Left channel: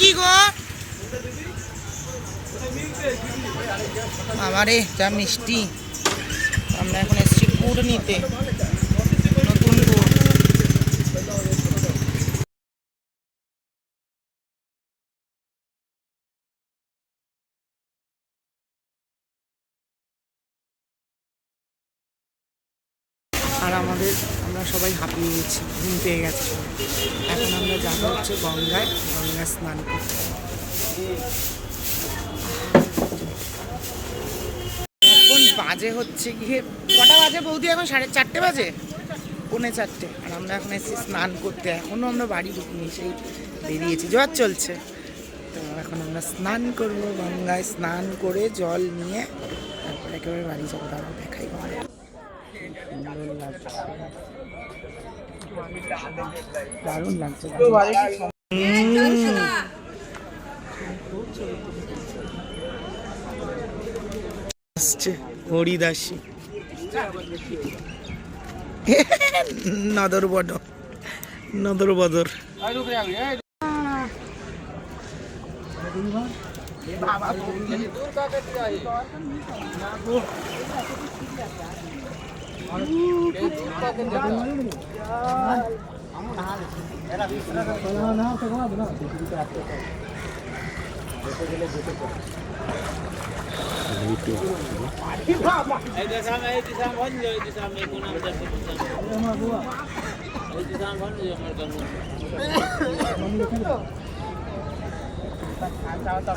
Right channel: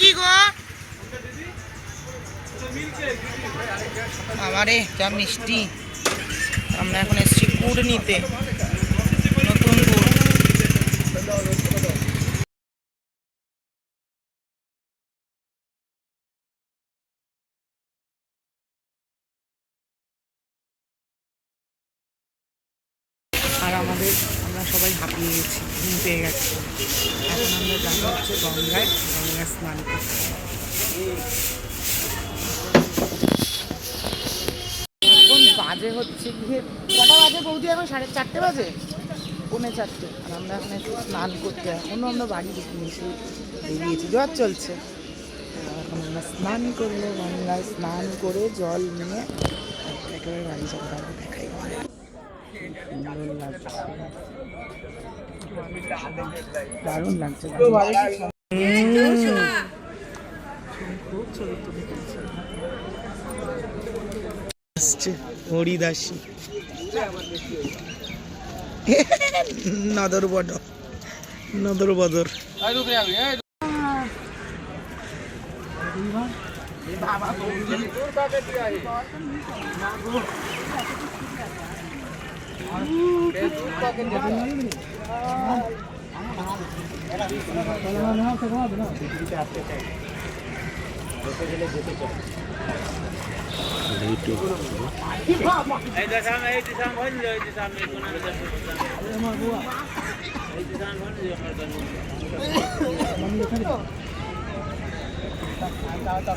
কি গো আমারে যা মিষ্টি। আমরা এখন এসেছি গুড় নিতে, নতুন গুড়। আর আমরা সবাই হাঁপিয়ে গেছি, ঘুম পেয়ে গেছি। এখন আমরা যাবো হচ্ছে গঙ্গায় স্নান করতে। এখন বাজে হচ্ছে গিয়ে কটা বাজে বৌদি? এখন 4:30 বাজে, 3:45। আর আমরা এখন এসে স্নান করতে। এখনও আমরা বাড়ি ঢুকিনি, সেই বেরিয়েছি, জ্বর চলছে। তো এখন আমরা স্নান করবো, গঙ্গায় স্নান করে জল নিয়ে তারপরে একেবারে বাড়ি যাবো। আমরা দেখাই ঘরে সুন্দর লাগছে, দারুণ লাগছে। হরিদাসী নদর বদর।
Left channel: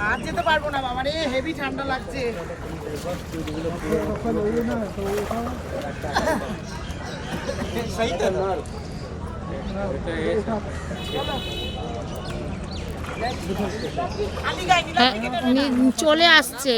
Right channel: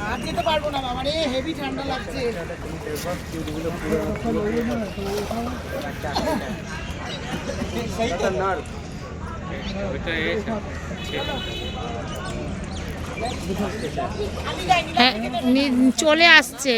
আর যেতে পারবো না বাবা রে, হেভি ঠান্ডা লাগছে। চলে আসছে।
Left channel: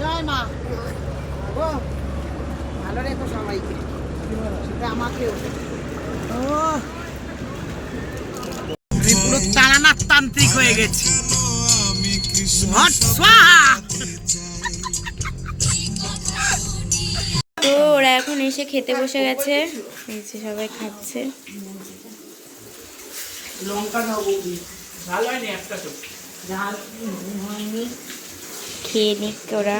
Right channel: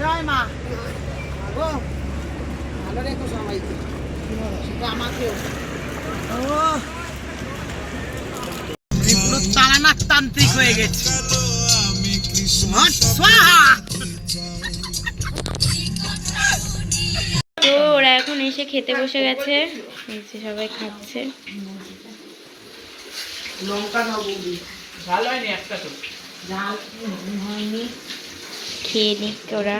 জয় মা, ভালো রেখো সবাইকে, সেটা আমাকেও। আমি পুরো চালানার তান্ত্রিক হয়ে গেছি। তো ওরা এখন এসে খেতে বসে গেছে, সবাই খাচ্ছে। লঙ্কা দাও বৌদি, ঝাল হয়নি একটা তো, ঝাল হয়নি। খেয়ে নিক ওরা।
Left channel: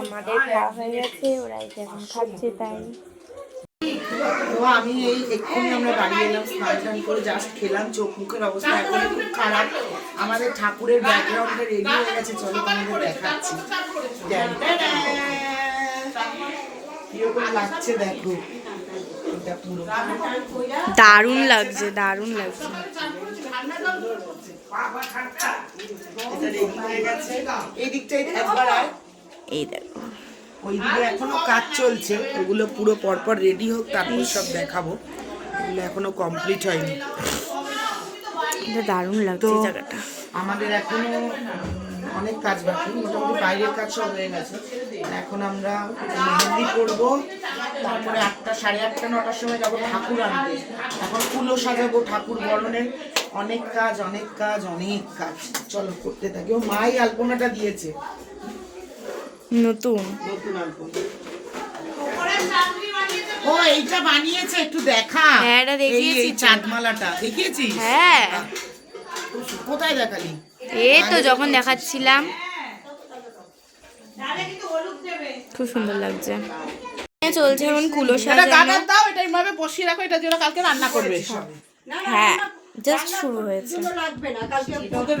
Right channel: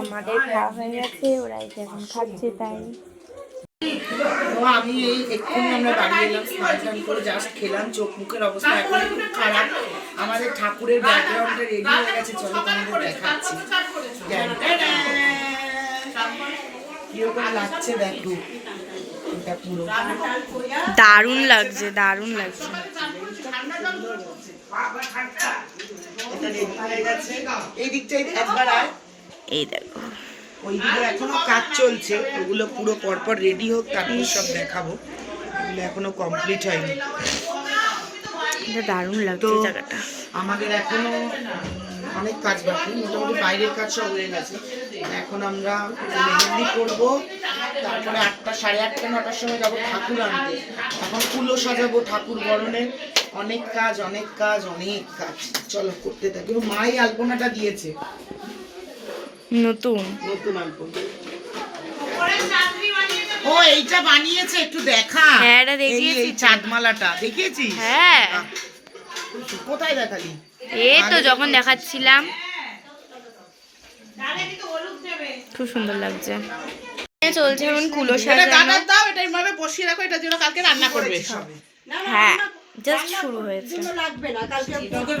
আমাদের খাওয়া হয়ে গেছে, ওরা এখন খাচ্ছে। তাই আমি এই এক্ষুনি আমরা বাড়ি এলাম, স্নান করে জাস্ট খেলাম। চোখ মুখের অবস্থা এখন খুব খারাপ। আমাদের ঠাকুরের ব্যাকগ্রাউন্ডটা রেডি হয়ে গেছে, চলো তোমাদের দেখাচ্ছি কিরকম লাগছে। দেখো এটা পুরো দারুণ লাগছে, দারুণ লাগছে। এই দিকটাই একবার আয়, এই দেখো ওইদিকে এখনো কাজ চলছে, ওগুলো পুরো পরপর রেডি হোক, তারপর সব দেখাবো। ওগুলো এখনো কমপ্লিট হয়নি। এটা দারুণ লাগছে জায়গাটা। আমাদের এখনো অনেক কাজ বাকি, মোটামুটি বাইরের কাজ সব হয়ে গেছে। এখন আমরা মেহেন্দি করবো, তারপরে 8টা, 8:30, 9টার সময় যাবো ঠাকুর আনতে। এখন ফুলও সাজাবো, ঠাকুর বরণের অনেক কাজ। চলো করতে থাকি। ও মাই আলপনাটা দিয়েছে, নতুন আলপনা। ও এইটা বানিয়েছে, একটু দেখা। হ্যাঁ, এটা দেখিয়েছি। চাঁদমালাটা দেখিয়েছিস? হ্যাঁ। কোথায় দেখালি? এই তো যখন দেখাচ্ছিলাম, খুব সুন্দর লাগছে। চলছে এখন কুলো সাজানো। বসিয়ে রাখো, এটা যেন কালকে রান্না করবে। হ্যাঁ, জাস্ট শুরু হয়েছে।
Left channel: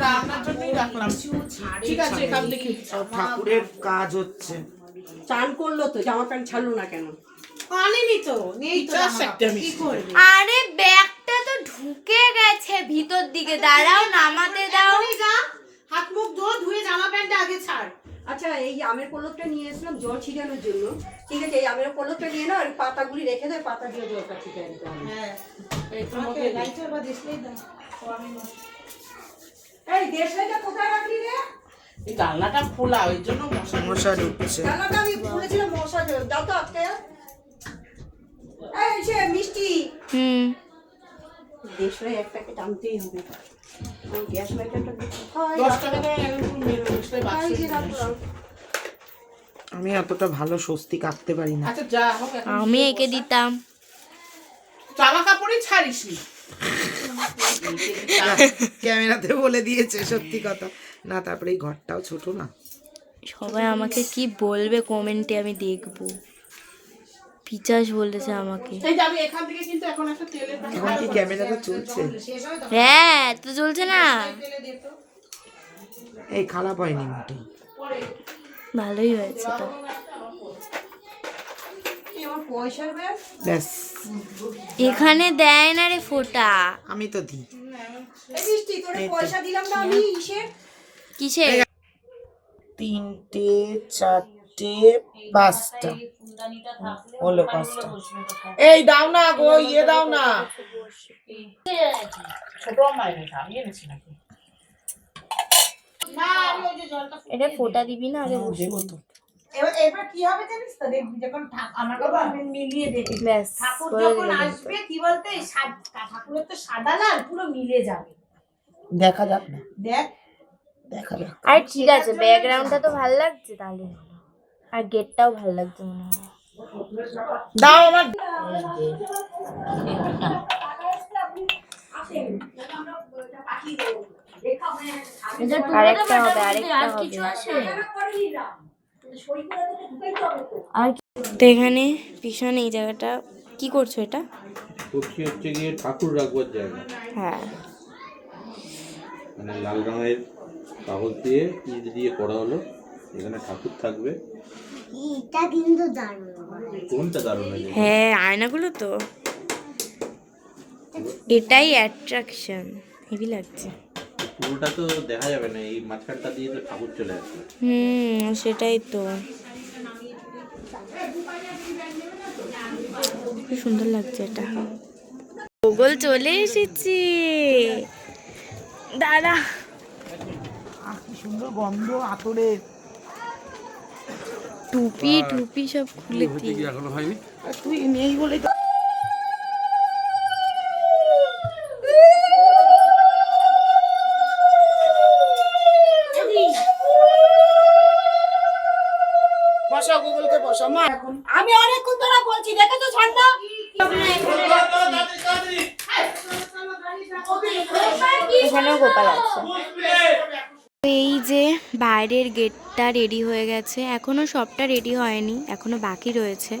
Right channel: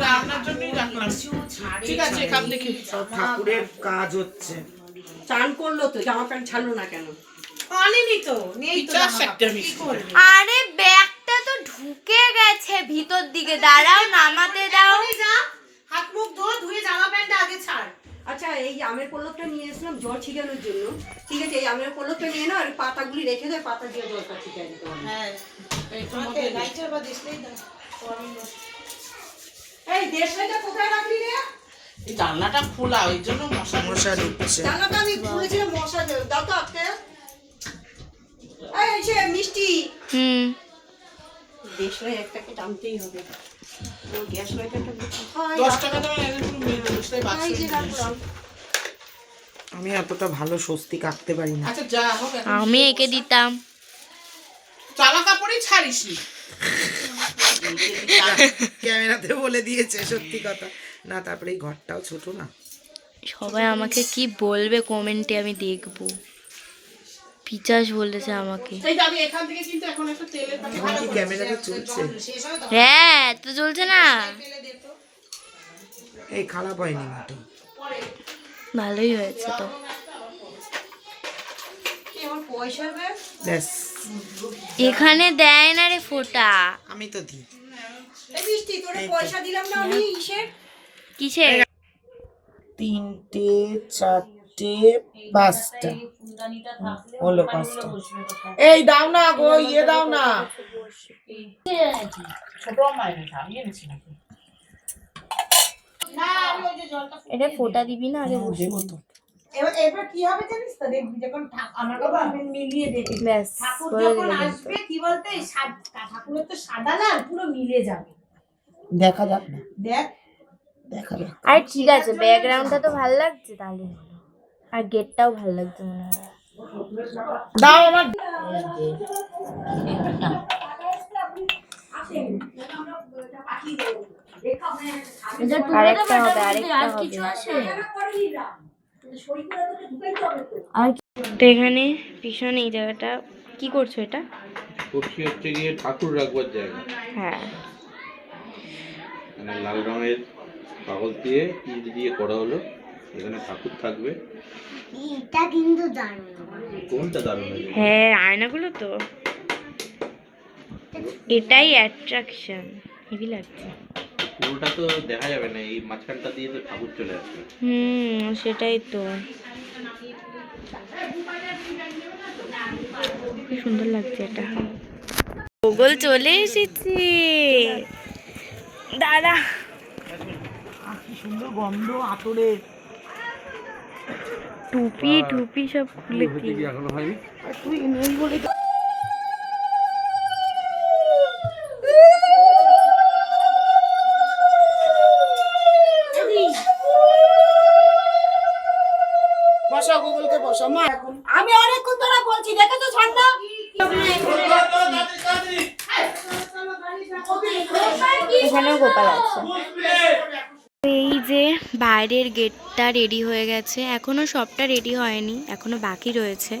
রান্নার জন্যই রাখলাম। ঠিক আছে, দেখি সব ঠাকুরের কাজ হচ্ছে। চান করলো তো, জামা প্যান্ট ছাড়লো না কেন? আরে ব্যাগটা তো ঢুকে গেছে ভিতর দিকে, দাঁড়াও নামাতে দাও। হাত মুখ ধুয়ে জামা প্যান্ট আগে ছাড়। আর আচ্ছা এই আমের পল্লবটা নিয়ে এসলাম জল ছিটানোর জন্য, ঠিক আছে? এই আমের পল্লবটা নিয়ে নাও আর পাতাগুলি রেখে দাও, পাতা দিয়ে জলটা ছিটিয়ে দিতে হবে। হ্যাঁ এইটার মধ্যে লাইটার বা ডিসপ্লেই দাও। এই দেশলাইটা কোথায় রাখলি রে? এই জানলাটা খোলা, ওই জন্য মশা ঢুকছে। জানাটা আমি খুলেছিলাম, মশা দাও তো আটকে। এই সে মিষ্টি দেশলাই এক প্যাকেট আনতেই হবে। গ্যাস লাইটারটা 10 টাকা দাও, একদম মেরে বাক্সে নিয়ে এসো। আমি এতটা ভালো স্বস্তি কাটতে পারি না। আচ্ছা যা হোক, আমি একে দিতাম। জামা কাপড়ই ছাড়িস নি। ক্যামেরাতে বলে দিয়েছে সত্যি কথা না। তারপরে এই ঘরটাও ছোট না। সবাই আমাকে কি বলবে কমেন্টে আমি দেখবো। পিচাস বলেছে আমাকে। এই যাবি এখান থেকে, কিন্তু এখন একটা তেলের পাতা। এখন কি ক্যামেরাটা চলছে? হ্যাঁ তো চলছে না। এই খারাপ হয়নি মোটেই, ভালোই হয়েছে তো। পয়সা দেয় ব্যাস। এখানে দেয় না রে ফোঁটা। আমি তো দিই। এই মিষ্টি তোরে পয়সা দিলাম না আমি কিসে? 3টে 4টে 5টা হলো 5টা। এই দাও না গো, ইয়ে দাও না। ছোট মাইনে খাই এনেছি নাকি? না আমি ওই যে জলটা এটা ফোঁটা দিবি না আগে দেবো তো। এবার কি হবে জানিস তো, দেখবি যখন আমার বাবা মিলিয়ে দেখি, ব্যাস ঠাকুর যখন আসবে কি বলতে, এই ঠাকুরের তো সাদা লাল পুরো মিলে যাবে। দেখা যাক না, দেখা যাক। আর ঠিক আছে, ব্যাকগ্রাউন্ডটা তো ভালো লাগছে তাহলে হলো। আর গেটটাও ভালো লাগছে মনে হয়। দাও আমার। আরেকটা হবে, আরেকটা হবে। আর তো এখানে পিছনে এই জায়গাটা কি করছো এটা? করছি হচ্ছে গিয়ে ঠাকুর রাখবার জায়গা। হ্যাঁ মানে লাল রঙের কাগজ দিয়ে ইট দিয়ে করা হলো, এখানে ঠাকুর থাকবে। এটা কিন্তু দারুণ। কোনটা দারুণ লাগে? হ্যাঁ আয়নাগুলো তো এটাই অ্যাট্রাকশন, হেভি লাগছে। পুরোটা তো দেখা যাবে না, এই মাঝখানটা দিয়ে তো ঠাকুর চলে আসবে। সেটাই তো, কি সুন্দর লাগছে এটা। গুগল চলে এসেছি দাদা। কি সুন্দর গন্ধ আতরের। টুপি টুপি সব খুলে দিয়ে এখনো হয়নি। তুই নেই বলে তো। বসা গুগলকে বসা মা। এখন আমি অনেকক্ষণ ধরে বলছি, দেখেছো ঠান্ডা? এখানেও গোপাল আছে। এই যে বাইরের গেটটা রেডি হয়ে গেছে, এখনো সবটা রেডি হয়নি, এখনো বাকি রয়েছে।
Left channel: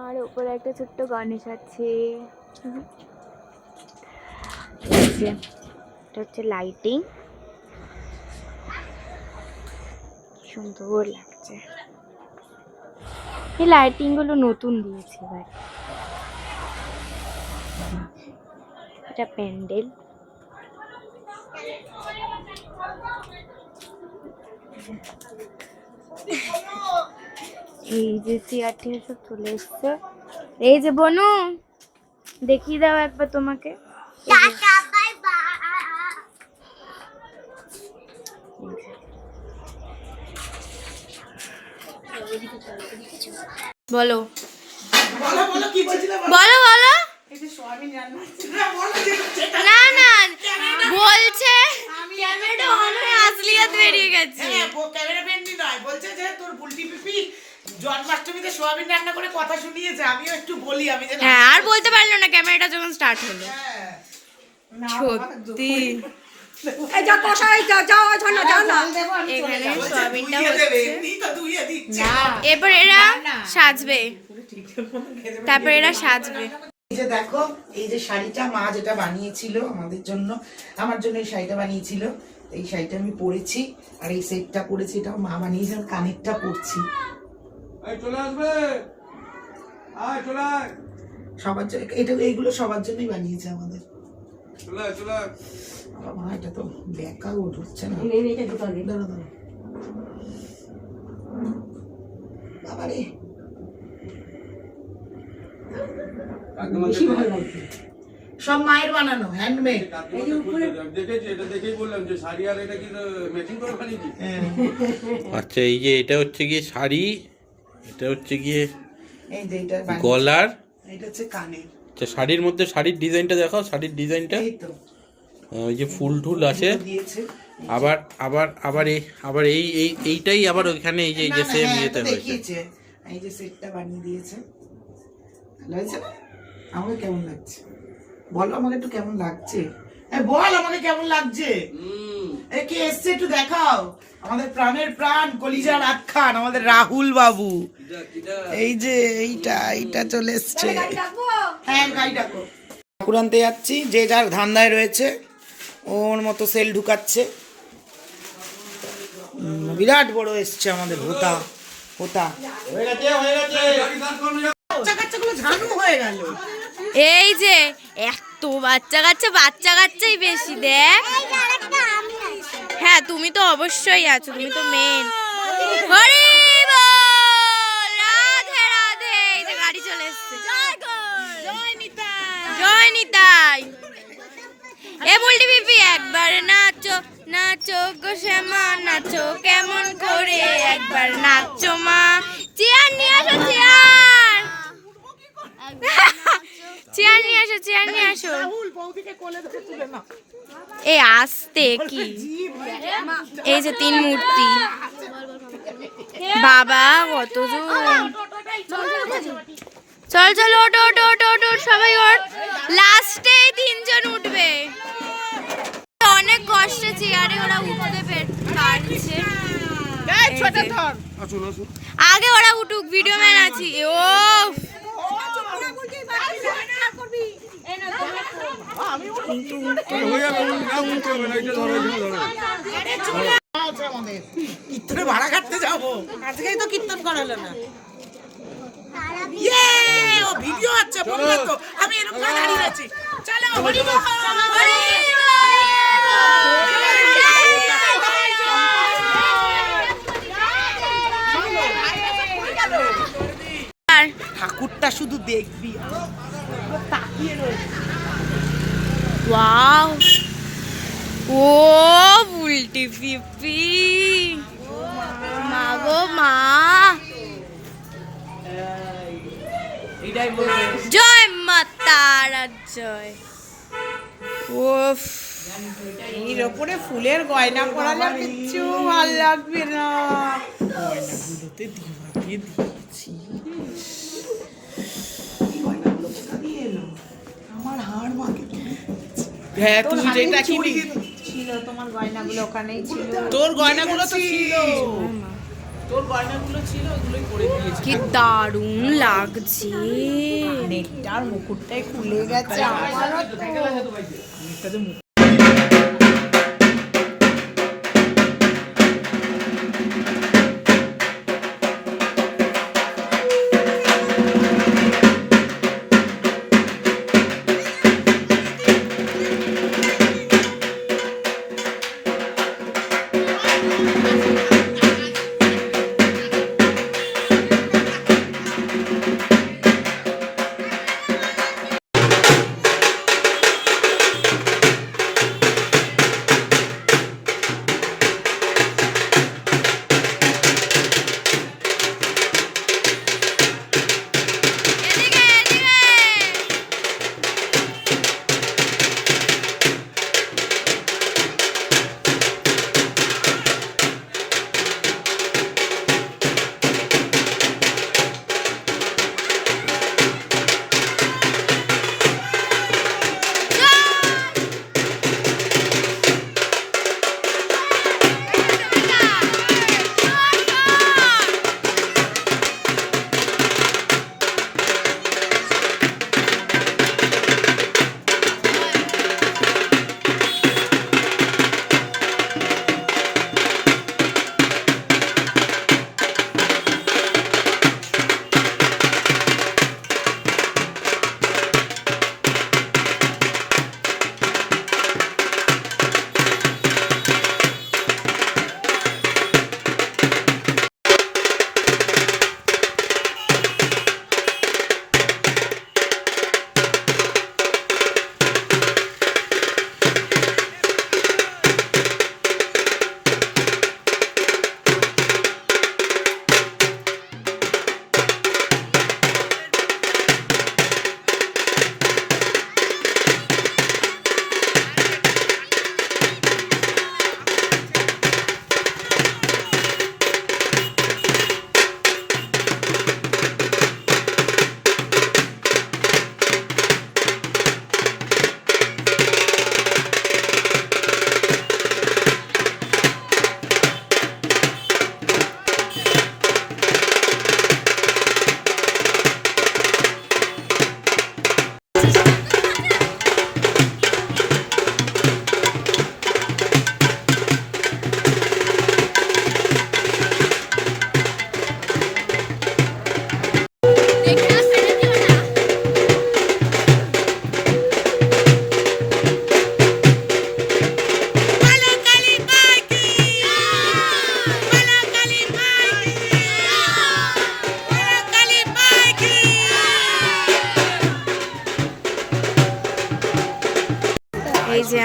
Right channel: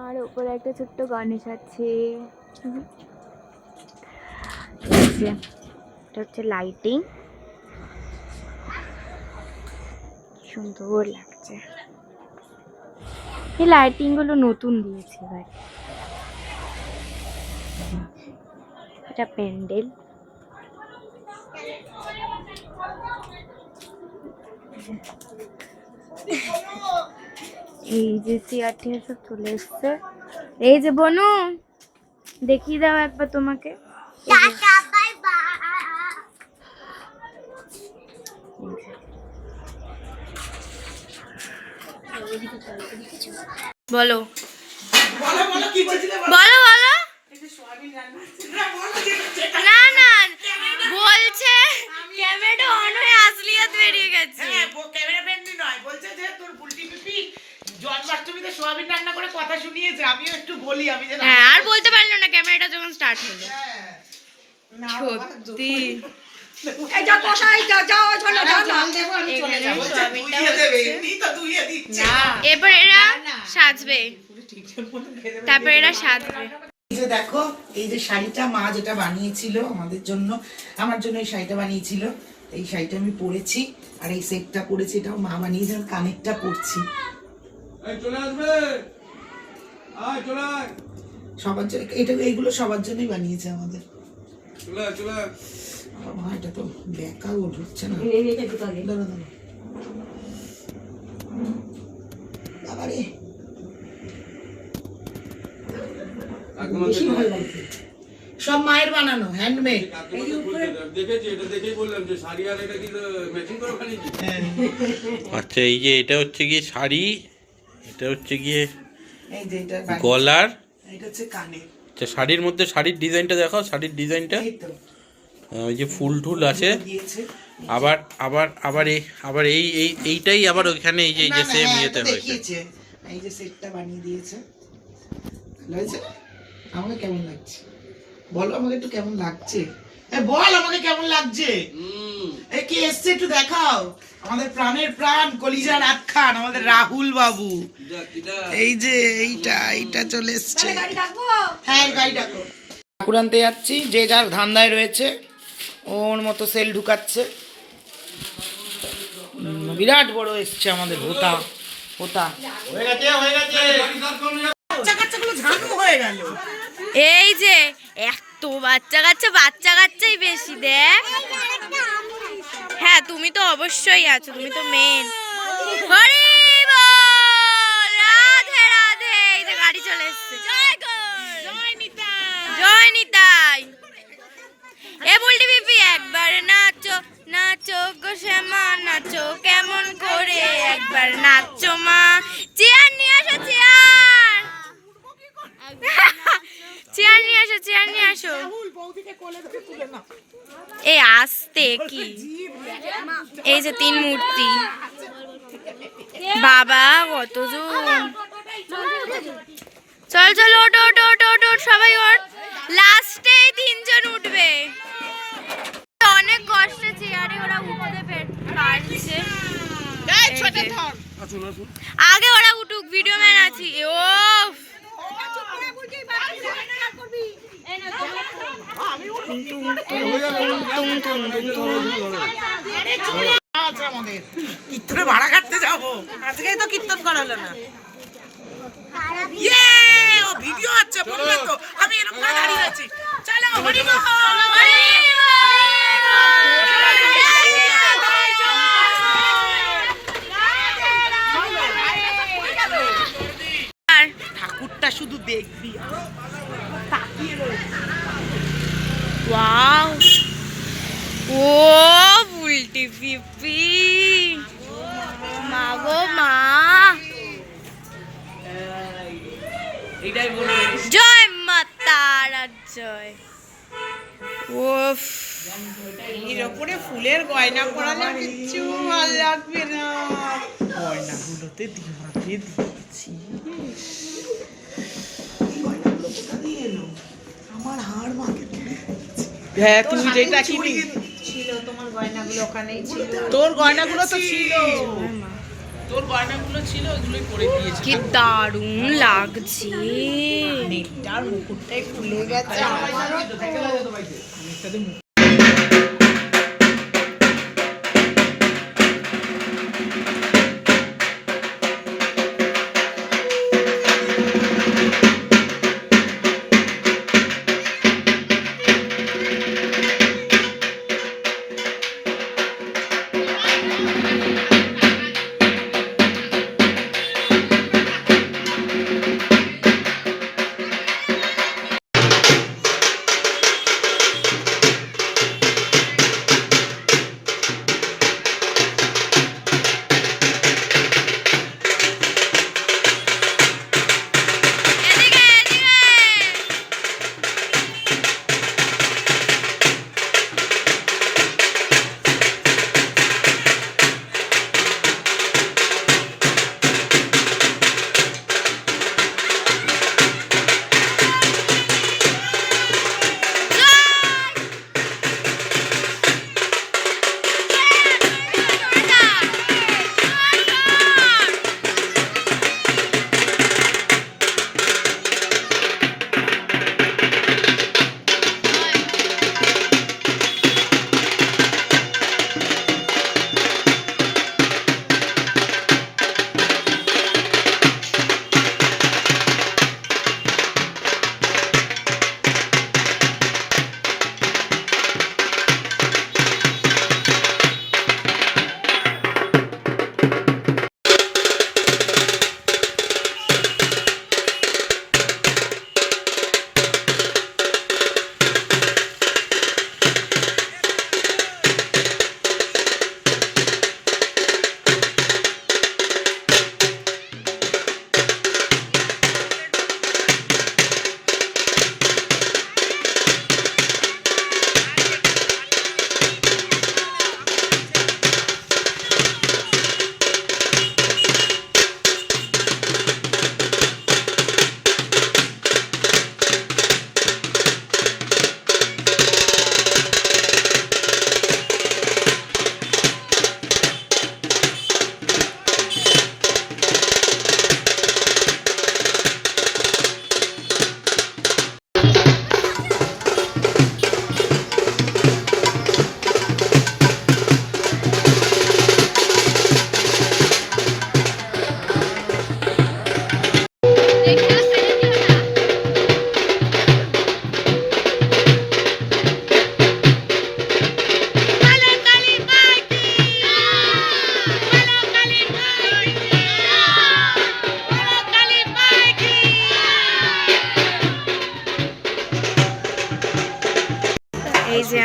আর উপরে একটা ছোট্ট গণেশ আছে। এই যে এটা হচ্ছে লাইটিং, সুন্দর লাগছে। এই লাইটিং গুলো নতুন দিয়েছে এবার। এটা প্যান্ডেল। এই যে চেয়ারটি সব চলে এসছে। এই যে বনু দেখিয়ে দাও একবার তোমাকে। Tata bye bye. বলো বলো কি বলছিলে? বলো বলো। একটু সোয়াবিন রান্না ছিল না, বলো যে না না বলছে ক্যামেরাটা অন হয়ে আসলিয়াত বেরিয়ে গেছে। হ্যাঁ ক্যামেরা ফ্রেন্ডলি নয়, বলছে যে তোর বুলটি পিপি জন্মাষ্টমীতে সোয়াবিন রান্না করে কথা শুনিয়েছে। আমিও একটু বলি, আমি যে হ্যাঁ আর বলতে পারলো না ক্যামেরাটা যখন স্টার্ট হলো। সত্যি এই যা কষাই যা যা চলে যা জল দেবো, আমি চলে এখানে যাবো। সোয়াবিনটা ধুইয়ে দেবে, হচ্ছে। এমনি তো ধুইয়ে দিচ্ছে। এরপর এরা সাজবে, তারপর এরা সাজবে। এই যে দেখো, এই যে শাড়িটা মা যেটা বানিয়েছিল আমাদের জন্য, আমার জন্য এই শাড়িটা বানিয়েছিল। এই শাড়িটা আমি পরেছি, আর এই সেটটা পরেছি, এটাও মা বানিয়েছে। আমি কানেরটা পরছি। চলে আসবে, চলে আয়, সবার জন্য এটা, এইগুলো সবার জন্যই বানিয়েছে আমাদের। চলে আয়, চলে আয়। মা এটা তো বেকা ঢুকছে না। এই নে এটা দুটো দে। দাঁড়া দাঁড়া। বাবারে বেশি ভালো লাগছে। সব মায়ের বানানো হ্যান্ডমেড। দেখেছি, এটা দেখেই বললাম যে শাড়ি আর এটা কি ম্যাচিং করে বানিয়েছি। হ্যাঁ আচ্ছা, এই যে এটা হচ্ছে গিয়ে শাড়ি, এটা হচ্ছে গিয়ে এই যে এটা গলার, এটা হচ্ছে কানে। আচ্ছা শাড়ির মধ্যে শাড়ির ডিজাইনটা দেখাও, শাড়ির ডিজাইনটা। এই তো ওই যে ফুল টুল আছে, দিয়েছে। আবার আবার আবার এই আবার এই এই এইটাই আবার ওইখানে এই যে এই যে না, না, সেম হ্যাঁ, ইয়েতে এটা হয়েছে। দেখিয়েছে। এই যে সেটটা বানিয়ে দিয়েছে, ভালো হয়েছে না? আমাকে কেমন লাগছে বলো, আমাকে একটু কেমন লাগছে? বল আমাকে কেমন লাগছে? এ কে এসছে একটু দেখাও। আমাদের প্রাণের প্রাণ কলিজার আখ্যান আমাদের রাহুল বাবু। এই যে এইটা চলে এসছে। হ্যাঁ গাড়ি ডাকো। ঠাকুর আনতে যাচ্ছি, যে যার ধান্দায় রয়েছে, ওর মতো সেল ঢুকাচ্ছে। বিরাট বড় এসছে আমাদের হোতা হোতা। বাচ্চা কাচ্চাগুলো ঝানু হয়ে গেল। এই যে এত বাচ্চা কাচ্চাই বেশি দেখ। হ্যাঁ তুমি তো অবশ্যই আছো, তুমি তো মেন। হরি বল, রাধে রাধে। এই যে গাড়ি চলে এসছে। জয় নিতাই। এ বলটি বিপি একবার নাচো নাচো গো শ্যামা নাচো কেমন করে, একবার নাচো মা। চেয়ার নিয়ে আসো, চেয়ার চেয়ার নিয়ে আসো, চেয়ার নিয়ে আসো। এই আসতে কি, এই যে 3 মূর্তি। বাবা কতজন। চল চল ওঠ ওঠ ওঠ ওঠ ওঠ, সবাই ওঠ। লাস্টে 3 জন উঠবে। অনেক কষ্টে চেয়ারে ওরা উঠতে পারছে। আগে ওরা উঠুক, ভিডিও ম্যান আছি। ও কীর্তনে ভাড়া কাটতে যাবো, আজকেই তো কীর্তন করালো না। ও ভিডিও আছে, বলবে তো আমি এরকম দাঁড়িয়ে আছি। চলো হরি বল, হরি আর ঠাকুরটা শুধু দেখবি। ওয়াও, ও উল্টি পিপি, মা গো মা। জয় মা তারা জয়। ওফ, এর ওপরে ফুলের গয়না পরালে কিচ্ছু ভালো লাগবে না। গয়নাগুলোতে দিমাগে ধরছিস। এই গয়নাগুলো কোথা দিয়ে এলো? আমার হাড় মাকে হ্যাঁ, তুমি যেটা কিনি ছিল, তোমার গয়নাগুলো ওখানেই ছিল। তোর গয়নাগুলো তো ছিল, তোর গয়নাগুলো ছিল, ওগুলোই পরে দিয়েছি। কি দারুণ লাগছে। নেকটার মুকুটটাই খুলে গেছে।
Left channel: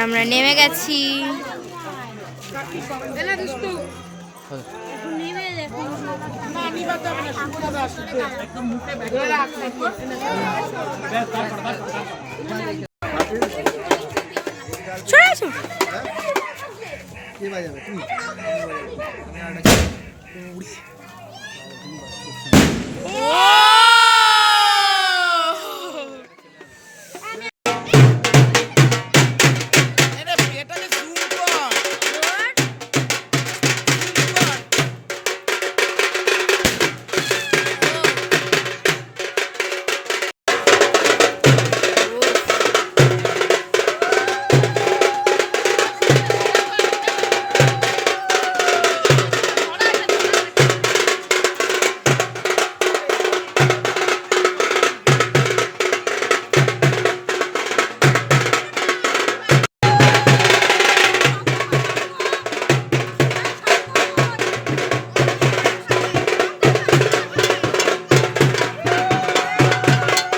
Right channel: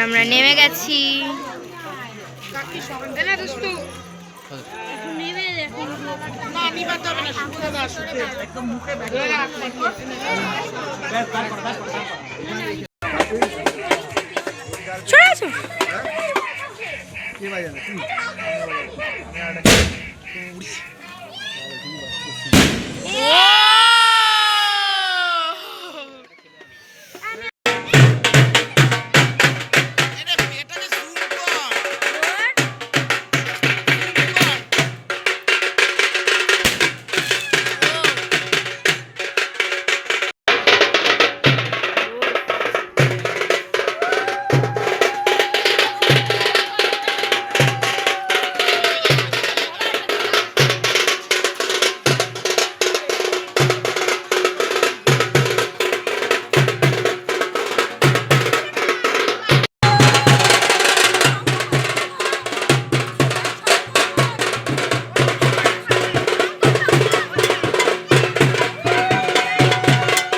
আমরা নেমে গেছি। চলে আসো।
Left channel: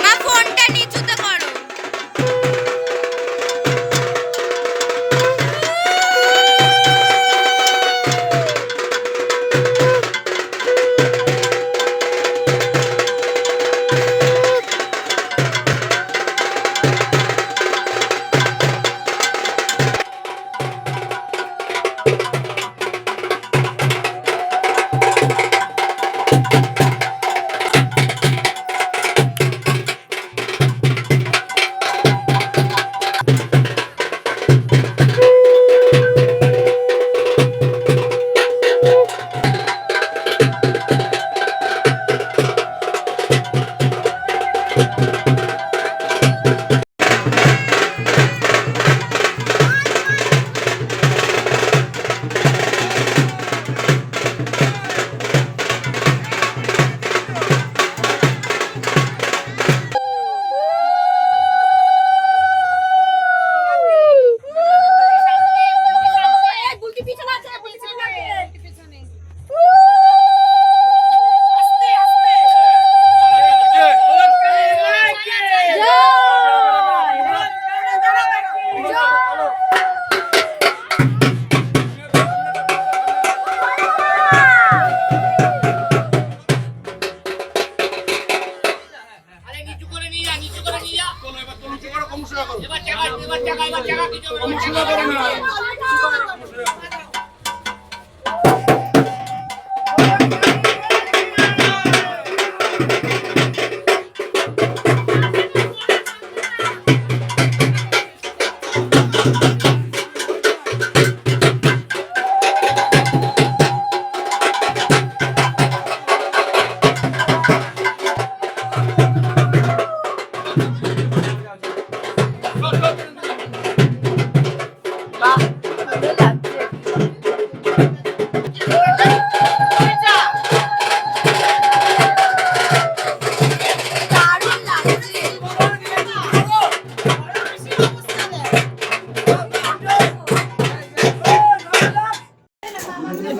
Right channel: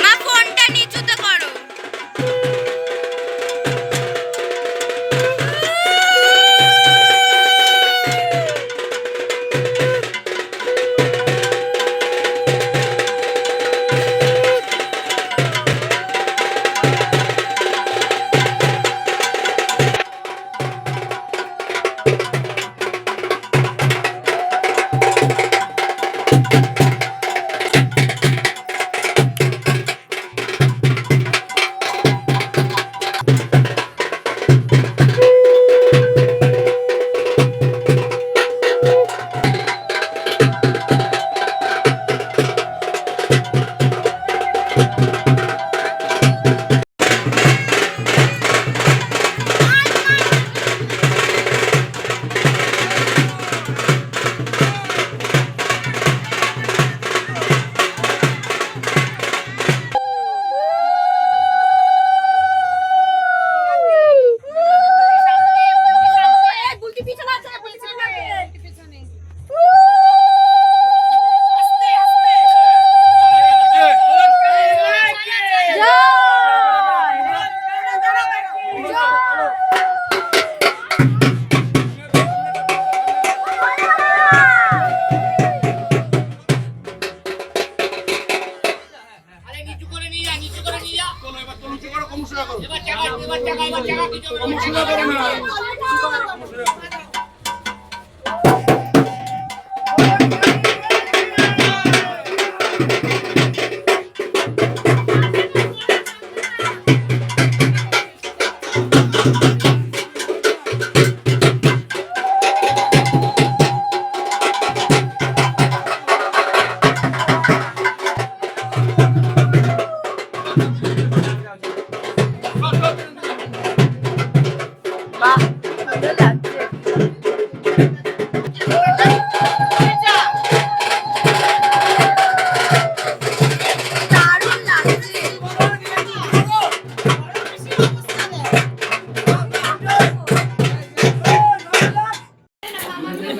মা ফোনটা নিচুতে করো।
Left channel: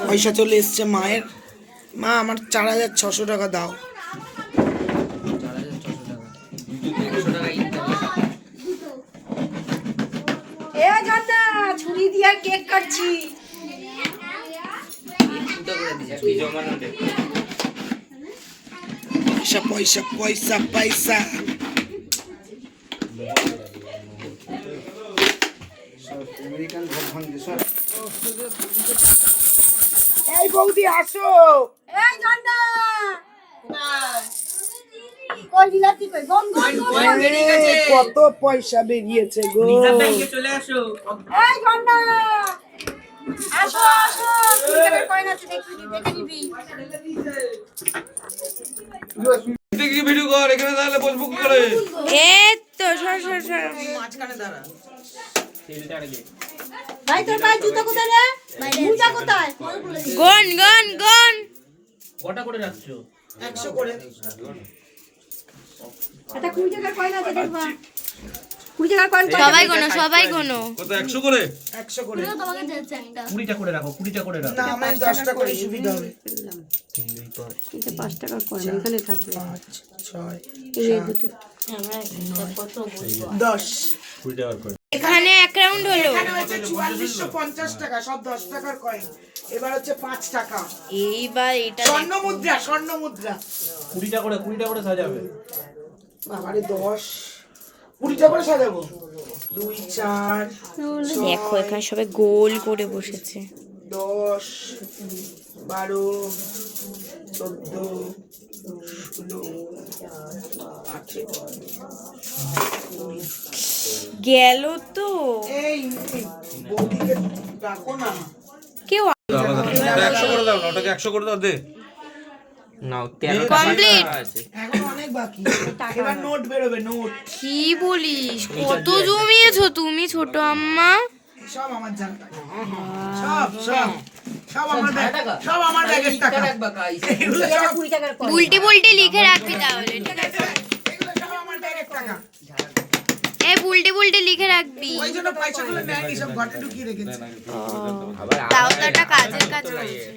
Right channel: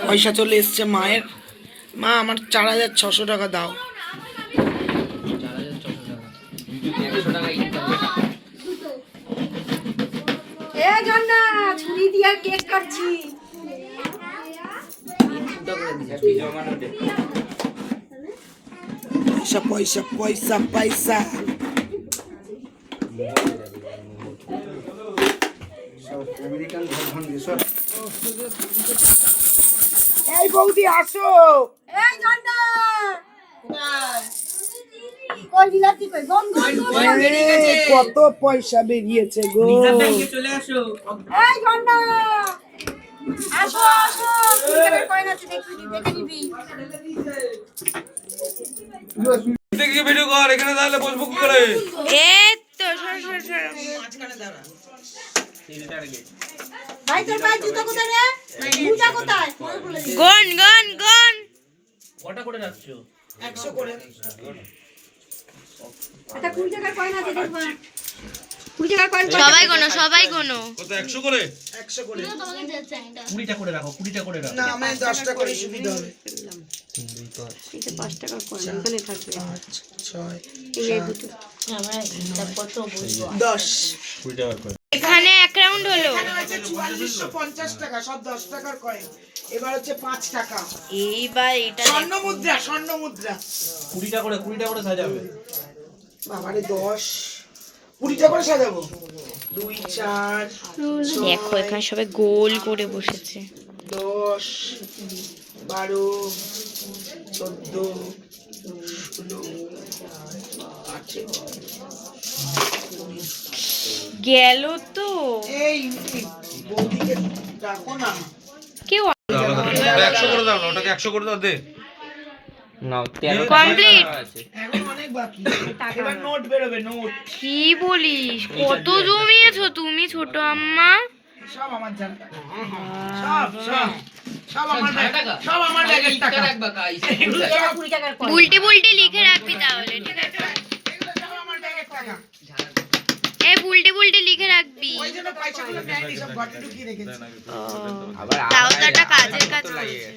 পয়সা চলে এসছে মায়ের। মা আমার 4,600 টাকা দাও। ছুরি দিয়ে কেক কাটছি। পয়সা পয়সা পয়সা পয়সা। এই বৌদি আসো। এই জন্না কই বিলাতি কই গম গম কত পয়সা বেরিয়েছে গো। চলে আসো। এই জন্না আসো আসো তুমি কই না দেখে নিবি। দেখি ভিডিও কর, এখানে দাঁড়ালে বলবো কি করে। এই তো সর সর সর। ভাই তোর ভাই জুতো কোথায় রে? মুজা কোথায়? গন গন গন। কটা করে রাখছো? 100 করে। এটা 20 টাকার কয়েন আছে দেখবা। 20 টাকার কয়েন সবাই গোনো সবাই গোনো। কত 100 করে? 100 করে। 20টা করে রাখো, 20টা করে রাখো। না আমি 10টা করে সুবিধা হবে। এটা 5 টাকার কয়েন এখানে থাকবে। 5 6 এই দুটো। 10। 20 টাকা করে। এখানে এক রাউন্ড হলো। হয়েছে 4450 টাকা, সব 10 টাকার কয়েন। এবার হচ্ছে 5 টাকা। এইবার এটা স্বর্ণ মুদ্রা, স্বর্ণ মুদ্রা। 20টা করে সাজাবে। বাবারে 10 20টা করে সাজাবো। 2 4 দেখো এখানে সবাই গোল করে বসেছে। 10 12 14 16 গেল তো এই বৌদিকে রাখো না। কেউ 100 করে দাও, ওটাকে 100 করে দাও দে। নাও 13 কমপ্লিট। এখন অনেক বাকি। এবার নোট বেরোবে, নোট। কি বলিস, কত জমিয়েছো তুমি ছোট আম্মা? সব আমার জানা। সব সব সব আমার টাকা, সব আমার ব্যাগের টাকা। এগুলো সব 20 টাকার কয়েন। বুলটি বুলটি লিখে রাখবি তাহলে, ঠিক আছে? এগুলো সব আমার ব্যাগের টাকা। এই বুলটি বুলটি লিখে রাখবি। ওই জন্য পয়সাগুলো নেয়নি, সব ঘরে ঢুকিয়ে রেখেছে। তাও তো একটা কাজের কাজ করেছে।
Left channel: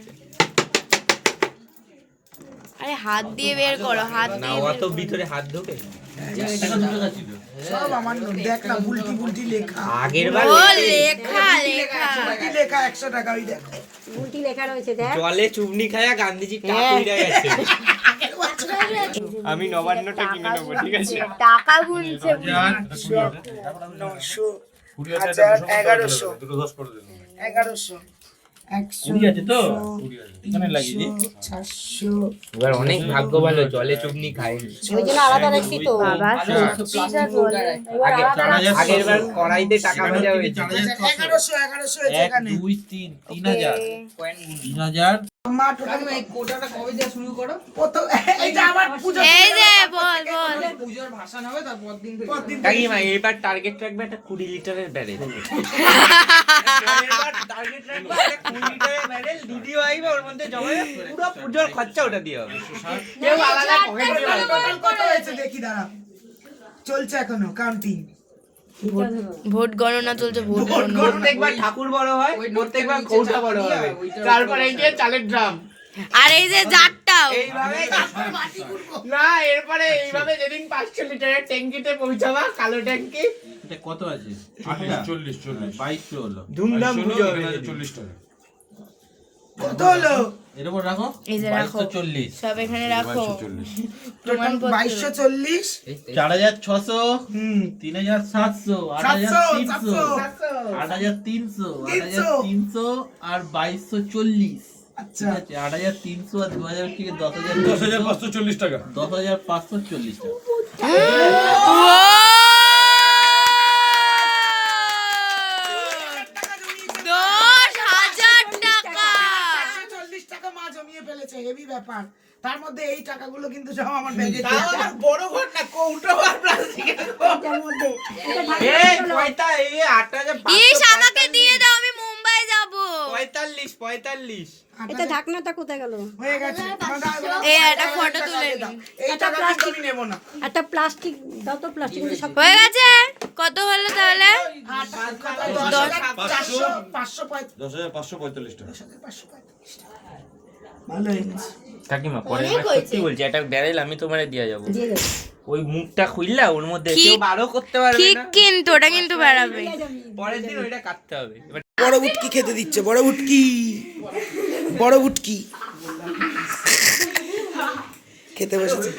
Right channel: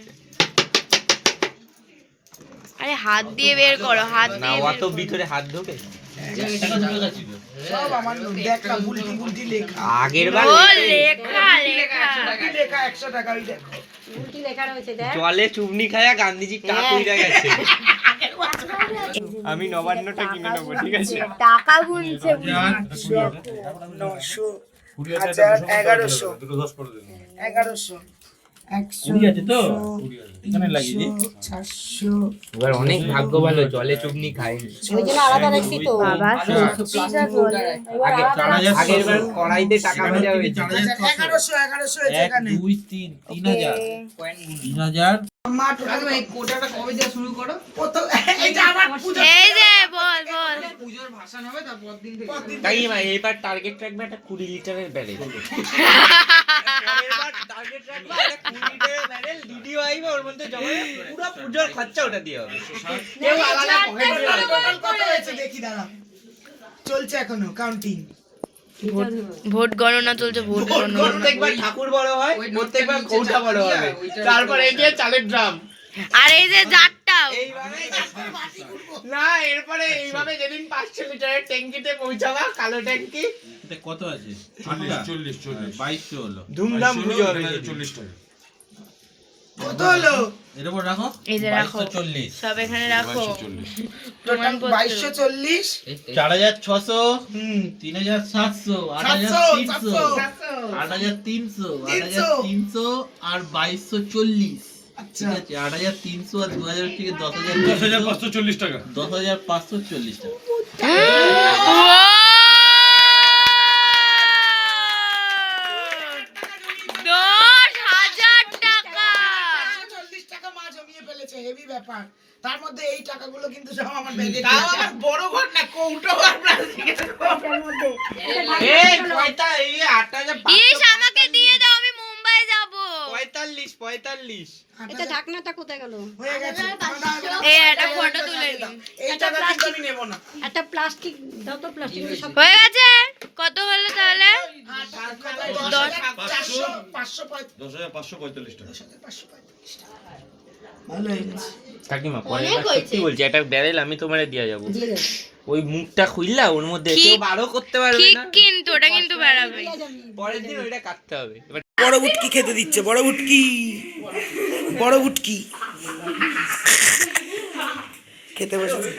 আরে হাত দিয়ে বের করো, হাত দিয়ে বের করো। ভিতরে হাত ঢোকে। সব আমার নোট। দেখ না, বুলটি বুলটি লেখা। আগের ও লেখা লেখা। কি লেখা 100 টাকা, ওই দেখো। গুটি লেখা রয়েছে দেখ। জলে চুবনি খায়া গান্ধীজি টাক হইরা গেছে। আমি নবান্নটা কিনে নেবো, ঠিক আছে? টাকা গুনছে। 900 1000 1100 1100 100 আছে তো? এখানে লাগিয়ে দি। 400 এবার অনেক ভাগ্য ভালো, জলে চুবনি খায়। ওই জন্য আলাদা রাখছি তো। বাবা সত্যি যা বলে। আগের বার কড়াইতে টাকা ভাজা হয়েছে। 1100 হয়েছে এখানে। 2 3 3000 3000 মা টোটাল এই কোটাটা কবে দিয়ে শুরু করো? প্রথম এই যে আমার পূজা, এই যে বল বল। পূজার ভাষণ হবে, তারপর দিন থেকে কাকিমা এবার টার্গেট রাখবে একটা 20 লিটারের ব্যারেল। এবার টার্গেট রাখবে একটা 20 লিটারের ব্যারেল, ভিডিও আইবে ওর মধ্যে জমা পুরো পূজার খরচা ওটা দিয়ে হবে। কেউ আলাদা পকেট দিয়ে টোটাল কত হয়েছে দেখি, দাঁড়া। চলছে এখনো কাউন্টিং। ভোট গণনা চলছে, ভোট গণনা। প্রত্যেকবার ঠাকুর বড় হয়, প্রত্যেকবার কৌটা বড় হবে, তারপর এই যে চালের ড্রাম। আর এই যে জারটাও। এইভাবে না, এরপরে এইভাবে যেদিন 500 লিটারের ট্যাঙ্কিতে পৌঁছাবা, কালো ট্যাঙ্কি, এটা কত আছে? 8টা 40 2200 হলো। ধুমধাম পুজো হবে। 40 টাকা। কত হলো? এর উপর রাখো। এই যে রাখো, 2240 সব এখানে রাখো। 2240 টোটাল 2240 4600 3700 8300 8300 8300 আর 2240। আচ্ছা, ঠিক আছে, 8300 আর 2000 থেকে 10540 টাকা। 10540 টাকা। 10,000 টাকা। 40 টাকা মা জমিয়ে ফেলেছে, হেভি ব্যাপার। তার মধ্যে এই টাকাগুলো কিন্তু সব আমার ব্যাগে। বড় ঘর না, কৌটো আর প্লাস্টিকের মধ্যে এই কয়টা, এই 8000 ইস আমাকে দিয়ে দাও, আমি মুম্বাই যাব। 45 এটা ঢাকনাটা কোথায় গেল? হয়ে গেছে। এই একটা ফটো তুলে দিন। এই টাকা কিন্তু আমি নেব না। একটা প্লাস্টিক দাও তো, প্লাস্টিক সব হয়ে গেছে। কত হলো তাহলে? 10545 টাকা। ভালো হয়ে গেছে। কাকিমা অনেক হয়েছে। সত্যি বলছি, একটা ব্যারেল আমি তোমারে দিয়ে যাবো। দিয়ে দাও। ওই মুখটা খুললা ওর মধ্যে ঠিক- কেউ বারো করতে পারবে ঠিক না। কিন্তু ওটা কিন্তু বাড়াবে। পরের দিন ওইটা কাটতে হবে। এবার বড় বুটকি খেতে দিচ্ছে, বড় বুটকি, বড় বুটকি খেতে বসেছে।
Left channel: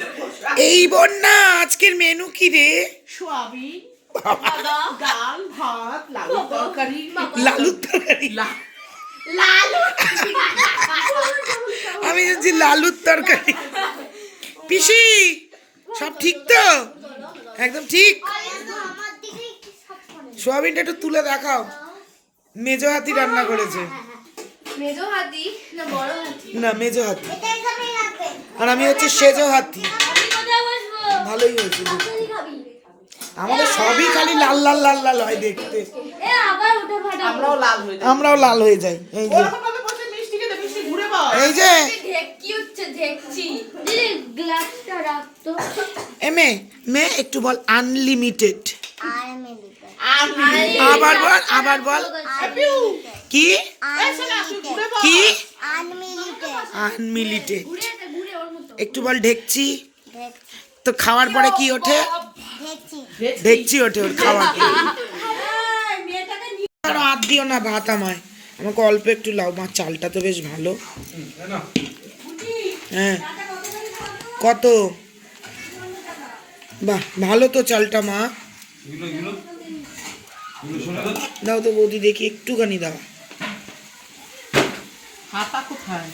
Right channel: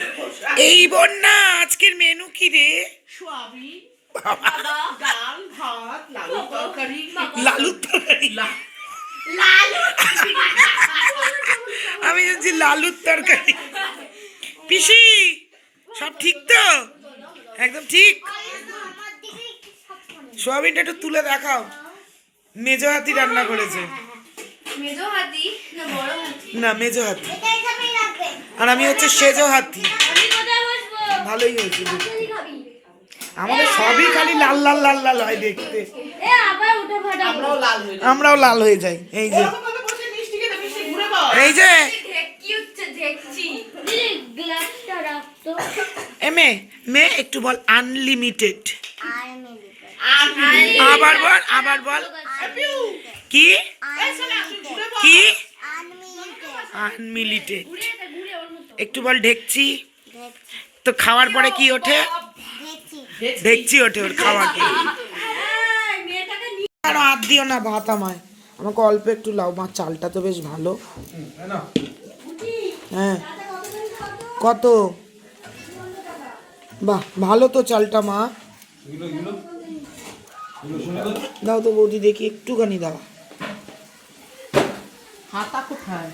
এই বন্যা আজকের মেনু কি রে? লালুর তরকারি। আমি জানছি লালুর তরকারি। পিসি সব ঠিক তো? একদম ঠিক। সোয়াবিনটা একটু তুলে দেখাও। মেজো হাতি রান্না করেছে। মেজো হাতি না বড় হাতি? না, মেজো হাতি। আর আমি হচ্ছে সেজো হাতি। ভালোই হয়েছে দেখতে। আমাদের সবই খালি লাল লাল লাল লাল হয় দেখতে। আমরাও লাল হয়ে যাই। এই যে এই যে এমে মে একটু বল আনলিমিটেড। আবার বল, আবার বল। কি কি? আনলিমিটেড। একটু বল ঢেকচি। তো খাওয়ার পরে কি ওঠে? ঢেকচি ওঠে ওর খাওয়ার পরে। আর হাত দিও না ভাত আমায়, আমাকে অল্প একটু লাও। মা চালটা তো বেশ ভালো। হ্যাঁ কত? বাহ ভালো তো চালটা মা। দাও তো বৌদি দেখি একটুখানি দাও। হাতা কোথায়?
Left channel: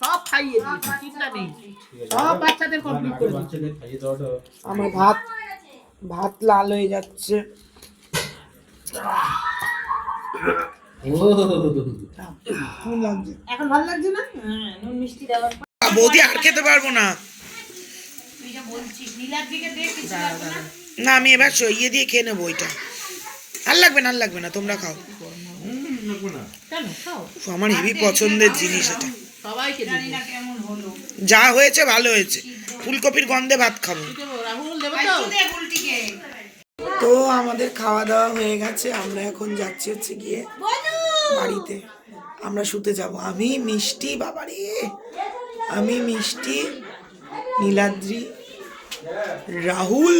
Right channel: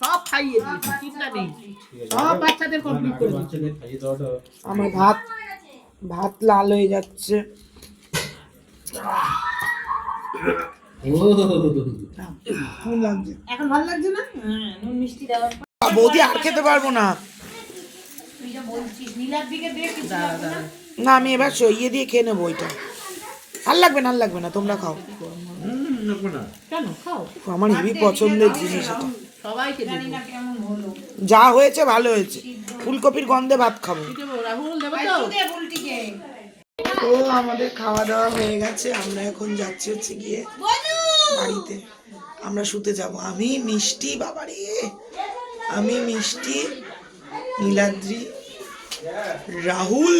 সব খাইয়ে দিয়েছি, চিন্তা নেই। সব বাচ্চাদের কমপ্লিট করে দিয়েছি। আমার ভাত ভাত লাল হয়ে যাচ্ছে। কেমন লাগছে? এখন ভালো লাগছে না? নুন মিষ্টি দেওয়ার পর বৌদি আর খেতে পারবো না। তুই যা বলছিস নীলার দিকে দিয়ে কিছু লাগবে না? না আমি এবার ইয়ে দিয়ে খেয়ে নেবো ওইটা। আর লাগবে না, আর লাগবে না, তোমরা খাও। কেন খাও, আমার হেভি পছন্দের জিনিস এটা। সবাইকে দিবি। যা হয়েছে ভালো হয়েছে, ফুলকপির গন্ধে ভাত খাবো। দেবো, রাহুল দেবো তো? তো আমাদের খাওয়া দাওয়া হয়ে গেছে, আমরা এখন যাচ্ছি হচ্ছে গিয়ে বাড়িতে। আমরা শুতে যাব। আমি মিষ্টি, বাবারে আমি মিষ্টি, নীলাদ্রি, রাহুল।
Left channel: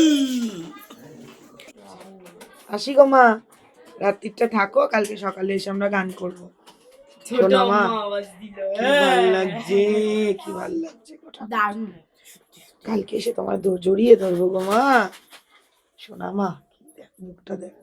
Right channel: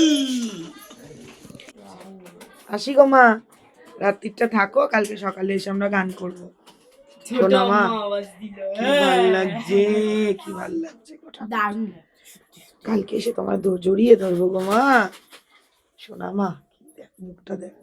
আসি গো মা, রাত্রিটা থাকো, কালকে সকালে এসে আমরা গান করবো। শোনা মা, কি ভাল লাগছে, কি ভাল লাগছে। দারুণ। কালকে এসে তোমার জড়িয়ে ধরবো গো মা। শোনা মা, দেখ মুখটা দেখ।